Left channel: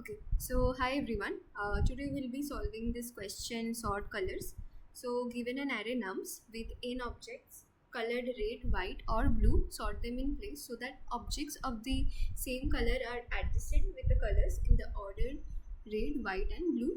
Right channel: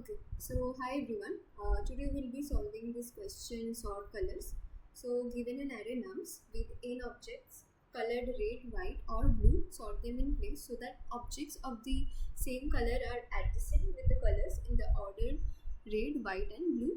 Okay, so hi everyone. Today we'll be solving this question sort colors. So given an array nums with n objects colored red, white or blue, sort them in place so that objects of the same color are adjacent with the colors in the order red, white and blue.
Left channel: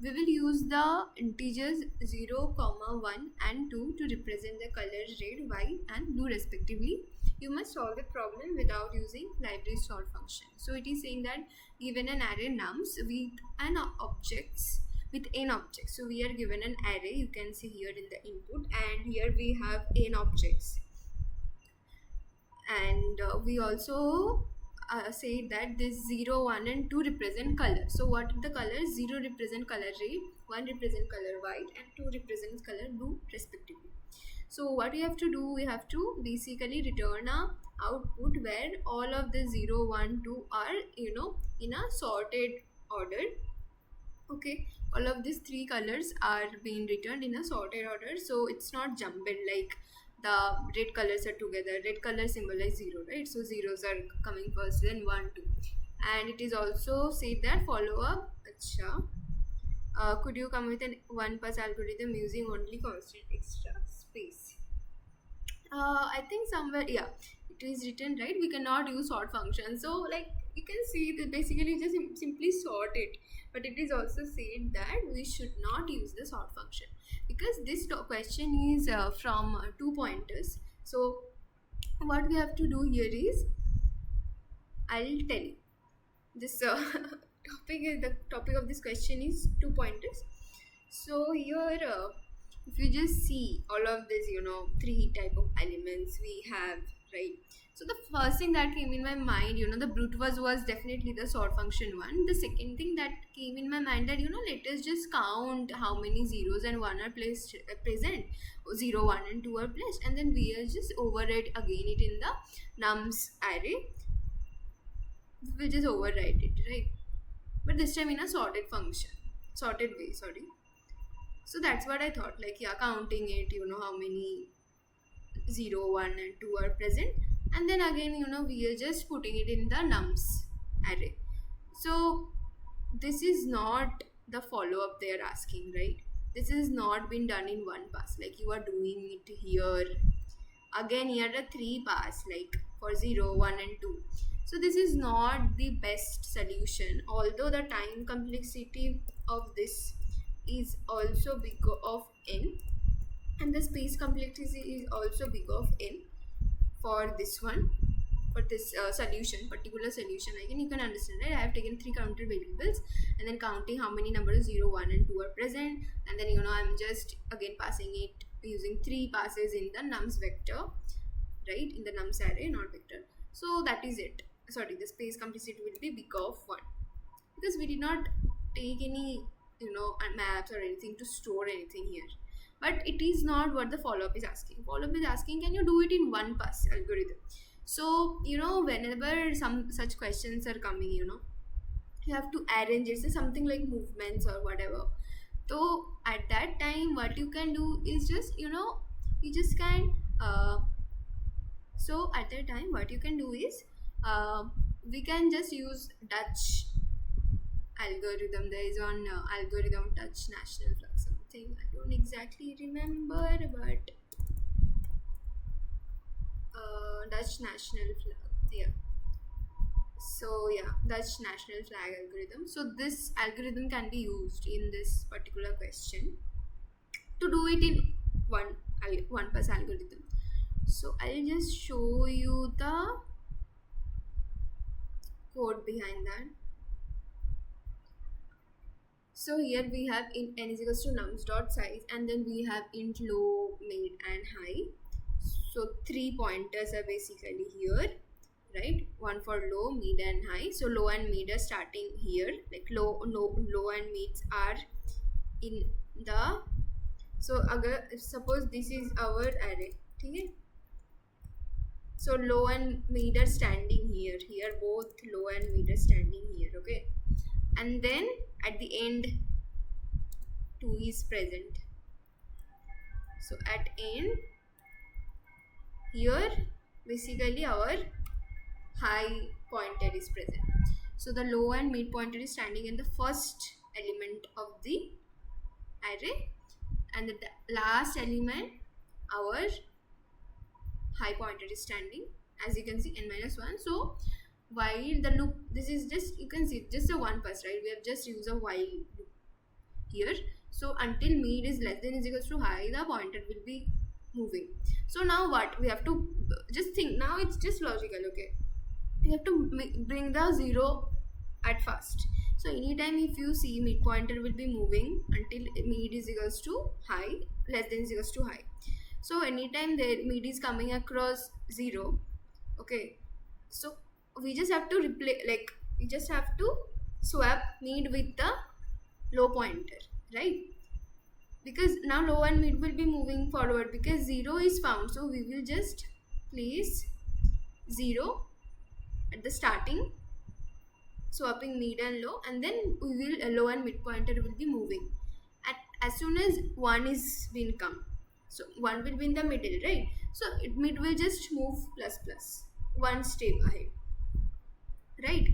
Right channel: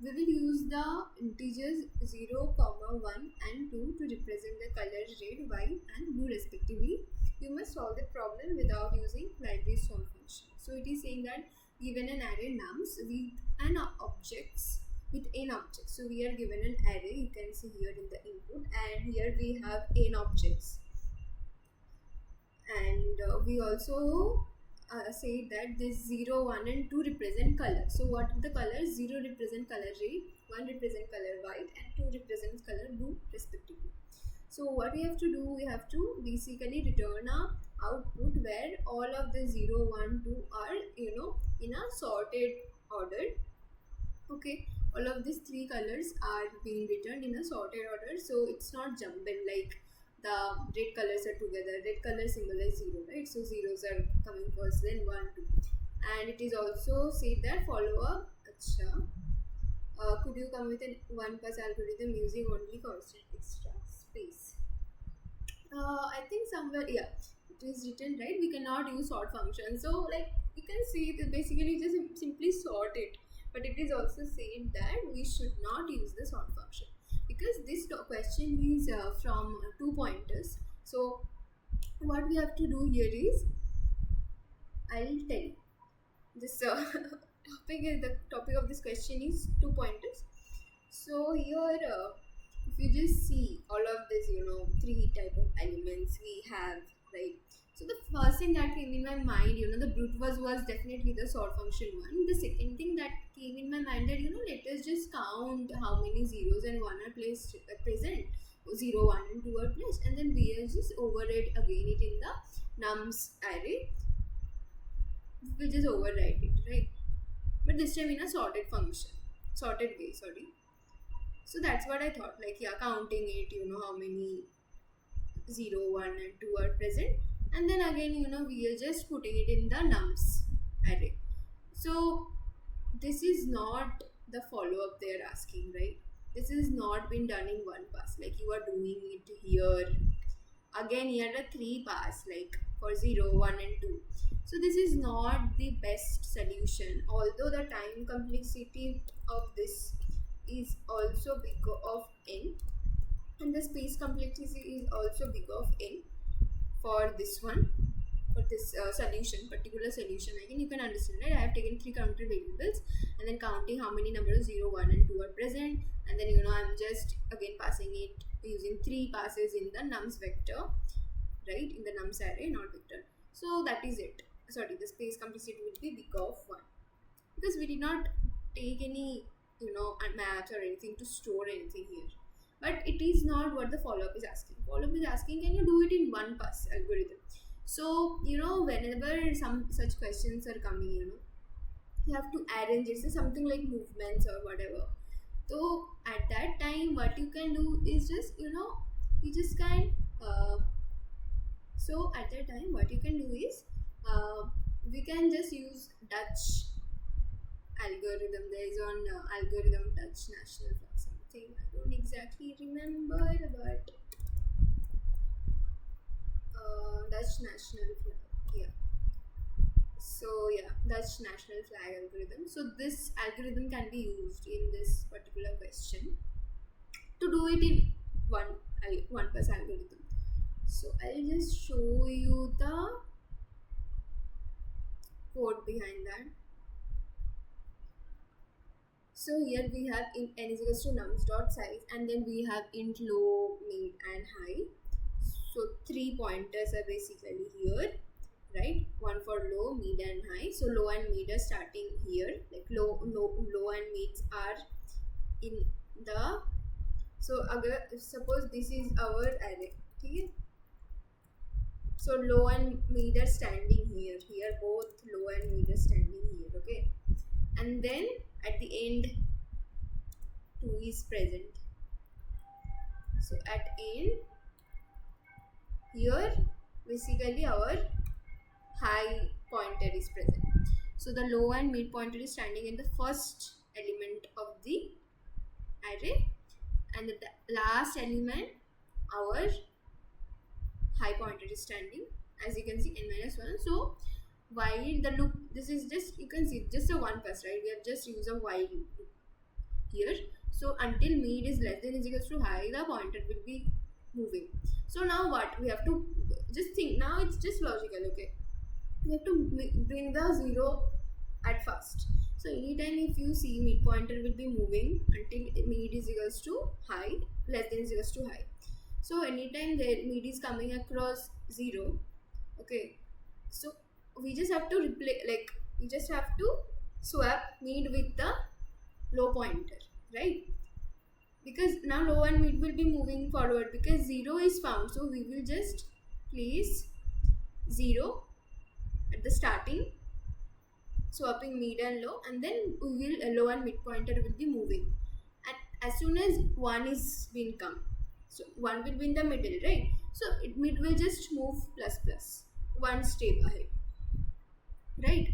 We will use the integers 0, comma 1 and 2 to represent the colors red, white and blue respectively. You must solve the problem without using library sort function. So it is saying that given an array nums with an objects with n objects, so we are given an array, you can see here in the input, and here we have n objects, and we also say that this 0 1 and 2 represent color. So what the colors? 0 represent color red, 1 represent color white and 2 represents color blue respectively. So what we have to do, we have to basically return a output where all of the 0 1 2 are in a sorted order. Okay, all of these three colors are being returned in a sorted order, so it's not jumbled like the red colors are together. Red color symbolize 0, right? So zeros are coming first, then 1 2, and it is also said that follow up. Acha, could you come with an one pass algorithm using only constant extra space? I think somewhere, yeah, it is written, right? We cannot use sort function. So like you can see that basically just simply sort it. But it is also said that we should not use the sort function because this question is from two pointers. So what we have to do here is, I'll tell you. This the topic of this question is two pointers. So here, if you just see all of this, three type of elements we have, right? So the first thing that came in my mind, the brute was definitely the sort function one. The second thing that came in my mind that, let us just count how many zeros and one are placed present. 0 1 and 2 are placed, and then we are just override again it in the nums array. We'll just overwrite it, right? But this time in a sorted way, sorry. So that's what I thought, like, yeah, counting it, how many 0 1 and 2 are present, and then again, we are just putting it in the nums array. So this is not the follow-up they are asking, right? This is not been done in one pass, like you are doing it here again. Here are three pass, like for 0 1 and 2. So this is not the best solution, although the time complexity of this is also big of n, and the space complexity is also big of n for this one, for this particular solution. Again, you can understand, right? I have taken three counter variables and then counting how many numbers 0 1 and 2 are present, and then I'm just again passing it using three passes in the nums vector, right, in the nums array, not vector. So that is it. Sorry, the space complexity will be big of 1 because we did not take any maps or anything to store anything here. But it is not what the follow-up is asking. Follow-up is asking, can you do it in one pass algorithm? So whenever some such questions are coming, you have to arrange it. So something like movements or whatever. So at that time what you can do is just you just can so at that time what you can do is, we can just use Dutch algorithm. There is one algorithm, Dutch national flag something, I don't exactly remember, but Dutch national flag, yeah. So yeah, Dutch national flag algorithm. So this algorithm can be used in this particular question to do it in one pass algorithm. So I'll just show you the code behind that. So here we have int n is equals to nums dot size, and then we have int low, mid and high. So three pointers are basically here, right? One for low, mid and high. So low and mid are starting here, like low and mids are in the, so suppose this is our array, okay? So low and mid are standing here, both low and mid are standing here, okay? And then at the end 2 is present. So at end here basically our high pointer is present. So the low and mid pointer is standing in the first element of the array, and the last element, our high pointer, is standing, as you can see, n minus 1. So while the loop, this is just, you can see, just a one pass, right? We have just used a while loop here. So until mid is less than is equals to high, the pointer will be moving. So now what we have to just think, now it's just logical, okay? You have to bring the 0 at first. So anytime if you see mid pointer will be moving until mid is equals to high, less than is equals to high. So anytime the mid is coming across 0, okay, so we just have to replace, like we just have to swap mid with the low pointer, right? Because now low and mid will be moving forward because 0 is found. So we will just place 0 at the starting, swapping mid and low, and then we will low and mid pointer will be moving. And as soon as 1 is been come, so 1 will be in the middle, right? So mid will just move plus plus one step ahead, right?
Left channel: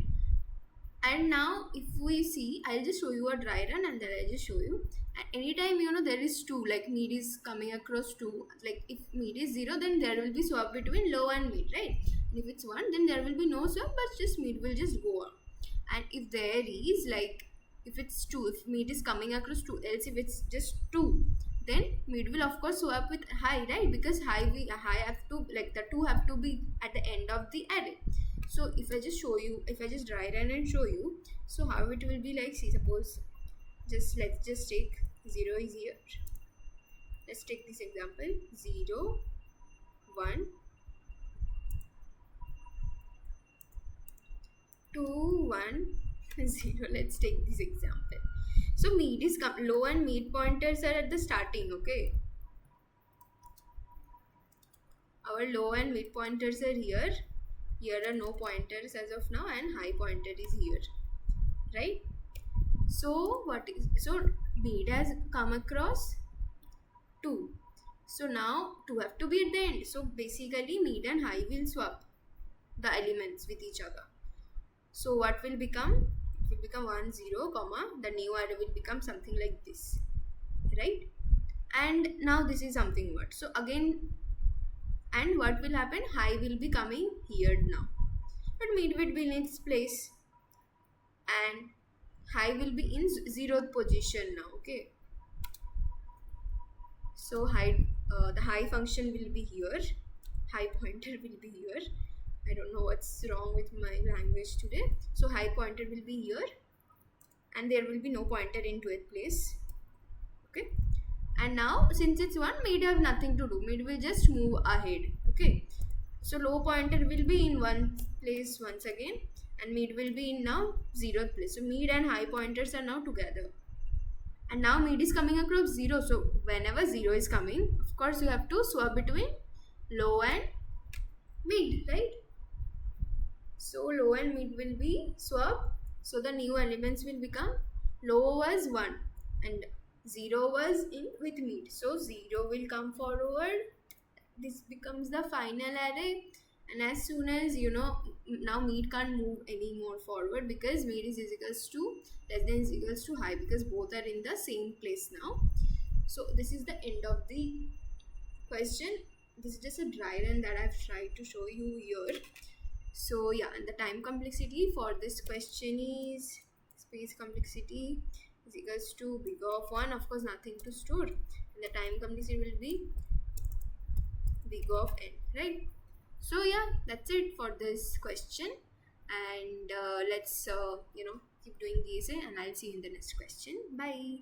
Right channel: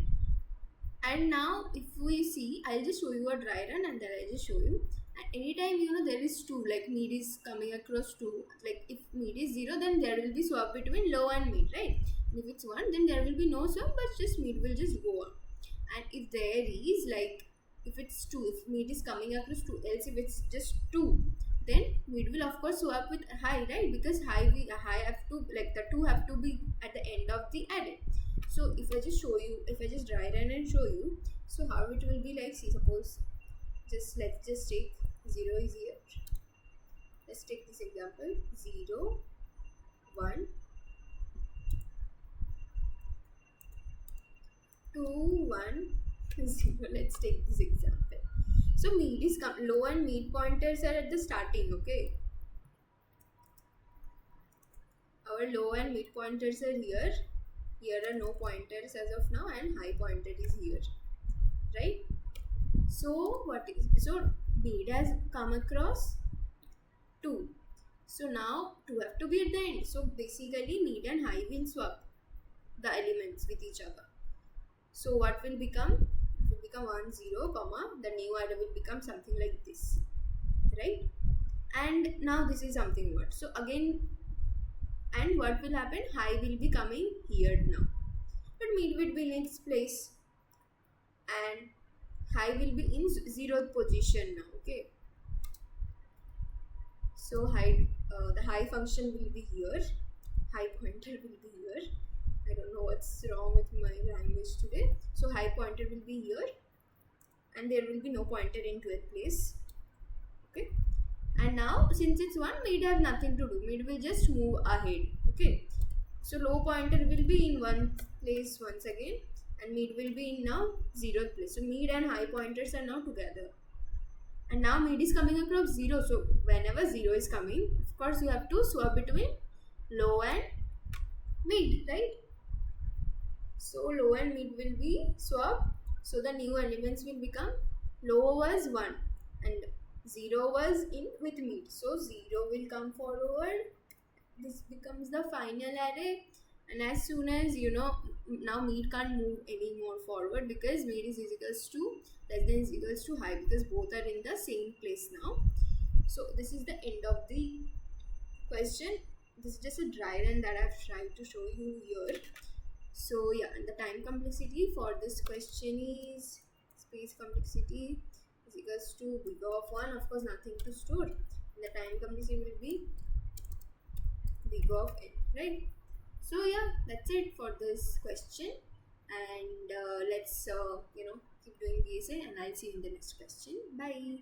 And now if we see, I'll just show you a dry run and then I'll just show you. And anytime there is 2, like mid is coming across 2, like if mid is 0, then there will be swap between low and mid, right? And if it's 1, then there will be no swap, but just mid will just go on. And if there is, like if it's 2, if mid is coming across 2, else if it's just 2, then mid will of course swap with high, right? Because high have to, like the 2 have to be at the end of the array. So if I just show you, if I just dry run and show you, so how it will be, like, see, suppose let's just take 0 is here. Let's take this example, 0 1 2 1 0. Let's take this example. So mid is low and mid pointers are at the starting, okay? Our low and mid pointers are here. Here are no pointers as of now, and high pointer is here, right? So mid has come across 2. So now 2 have to be at the end. So basically mid and high will swap the elements with each other. So what will become? It will become 1 0 comma, the new array will become something like this, right? And now this is something what? So again, and what will happen? High will be coming here now, but mid will be in its place, and high will be in 0th position now, okay? So the high function will be here, high pointer will be here. I don't know what's wrong with my language today. So high pointer will be here, and there will be no pointer into its place, okay? And now since it's 1, mid have nothing to do, mid will just move ahead, okay? So low pointer will be in one place once again, and mid will be in now 0th place. So mid and high pointers are now together, and now mid is coming across 0. So whenever 0 is coming, of course you have to swap between low and mid, right? So low and mid will be swapped. So the new elements will become, low was 1 and 0 was in with mid. So 0 will come forward. This becomes the final array. And as soon as now mid can't move any more forward because mid is equals to less than is equals to high, because both are in the same place now. So this is the end of the question. This is just a dry run that I've tried to show you here. So yeah, and the time complexity for this question is space complexity is equals to big of 1, of course nothing to store, and the time complexity will be big of n, right? So yeah, that's it for this question, and let's keep doing the essay, and I'll see you in the next question. Bye.